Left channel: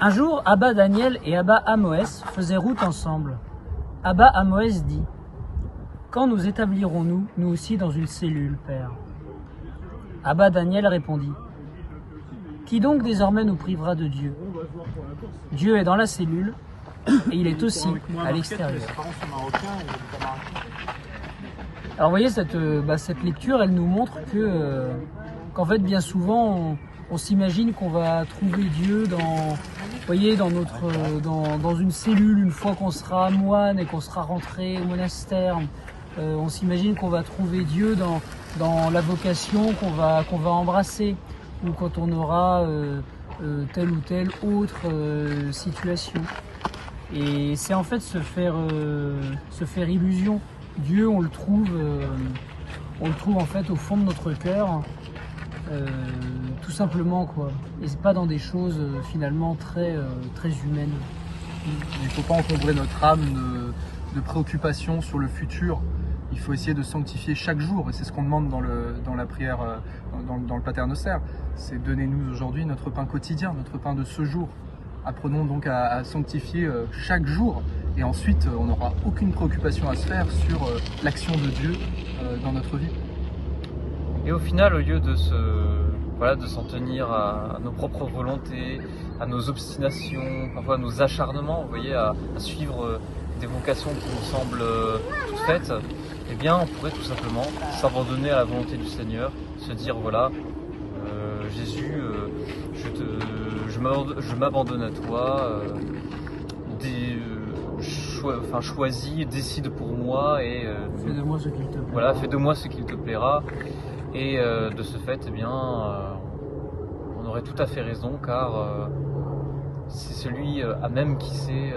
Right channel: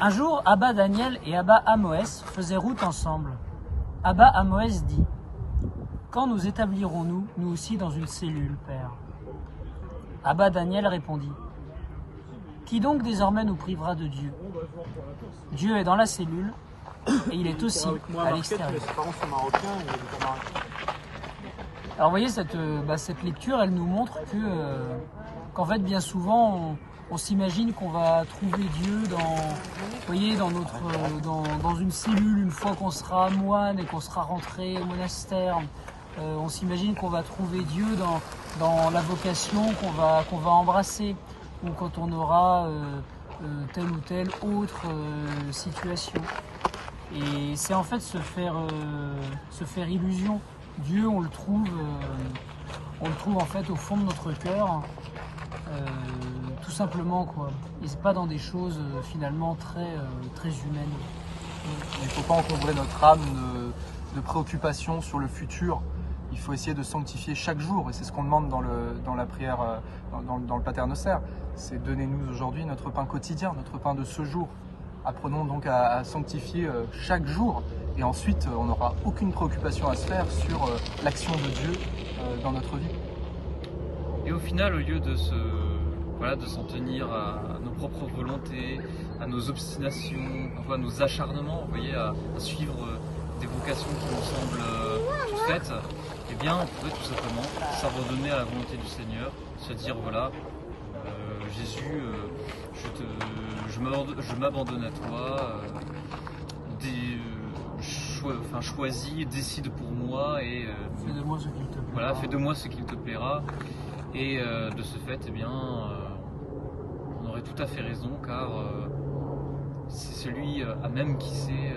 Un jour, Abba Daniel et Abba Amoès faisaient route ensemble. Abba Amoès dit: quand nous établirons-nous, nous aussi, dans une cellule, Père? Abba Daniel répondit: qui donc désormais nous privera de Dieu? Dieu est dans la cellule et il est aussi à l'extérieur. Alors vous voyez, cette lecture, elle nous montre qu'en fait, bien souvent, on s'imagine qu'on va trouver Dieu dans une cellule une fois qu'on sera moine et qu'on sera rentré au monastère. On s'imagine qu'on va trouver Dieu dans la vocation qu'on va embrasser, ou quand on aura telle ou telle autre situation. Et c'est en fait se faire illusion. Dieu, on le trouve en fait au fond de notre cœur, tout simplement, quoi. Et c'est pas dans des choses finalement très humaines. Il ne faut pas encombrer notre âme de préoccupations sur le futur. Il faut essayer de sanctifier chaque jour, et c'est ce qu'on demande dans la prière, dans le Pater Noster. C'est: donnez-nous aujourd'hui notre pain quotidien, notre pain de ce jour. Apprenons donc à sanctifier chaque jour, et ensuite on n'aura aucune préoccupation à se faire sur l'action de Dieu dans notre vie. Et au final, au lieu de s'en tenir à nos propres volontés, à nos obstinations, parfois à nos acharnements, vous voyez, à suivre des vocations qui nous semblent toutes faites, eh bien on pourrait tout simplement s'abandonner à la volonté du Seigneur, se dire: voilà, Jésus, je m'abandonne à toi, choisis, décide pour moi, et fais de moi ce qu'il te plaira. Voilà, fais de moi ce qu'il te plaira. Et de ce fait, eh bien, on aurait tout à fait raison, car c'est celui à même qui sait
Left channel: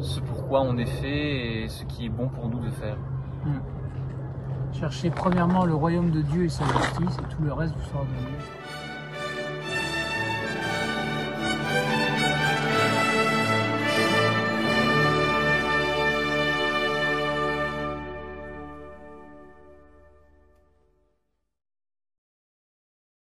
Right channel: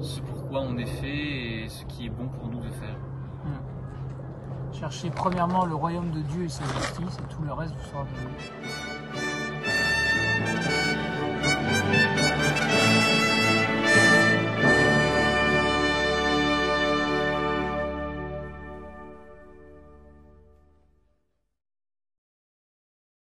ce pourquoi on est fait et ce qui est bon pour nous de faire. Cherchez premièrement le royaume de Dieu et sa justice, et tout le reste vous sera donné.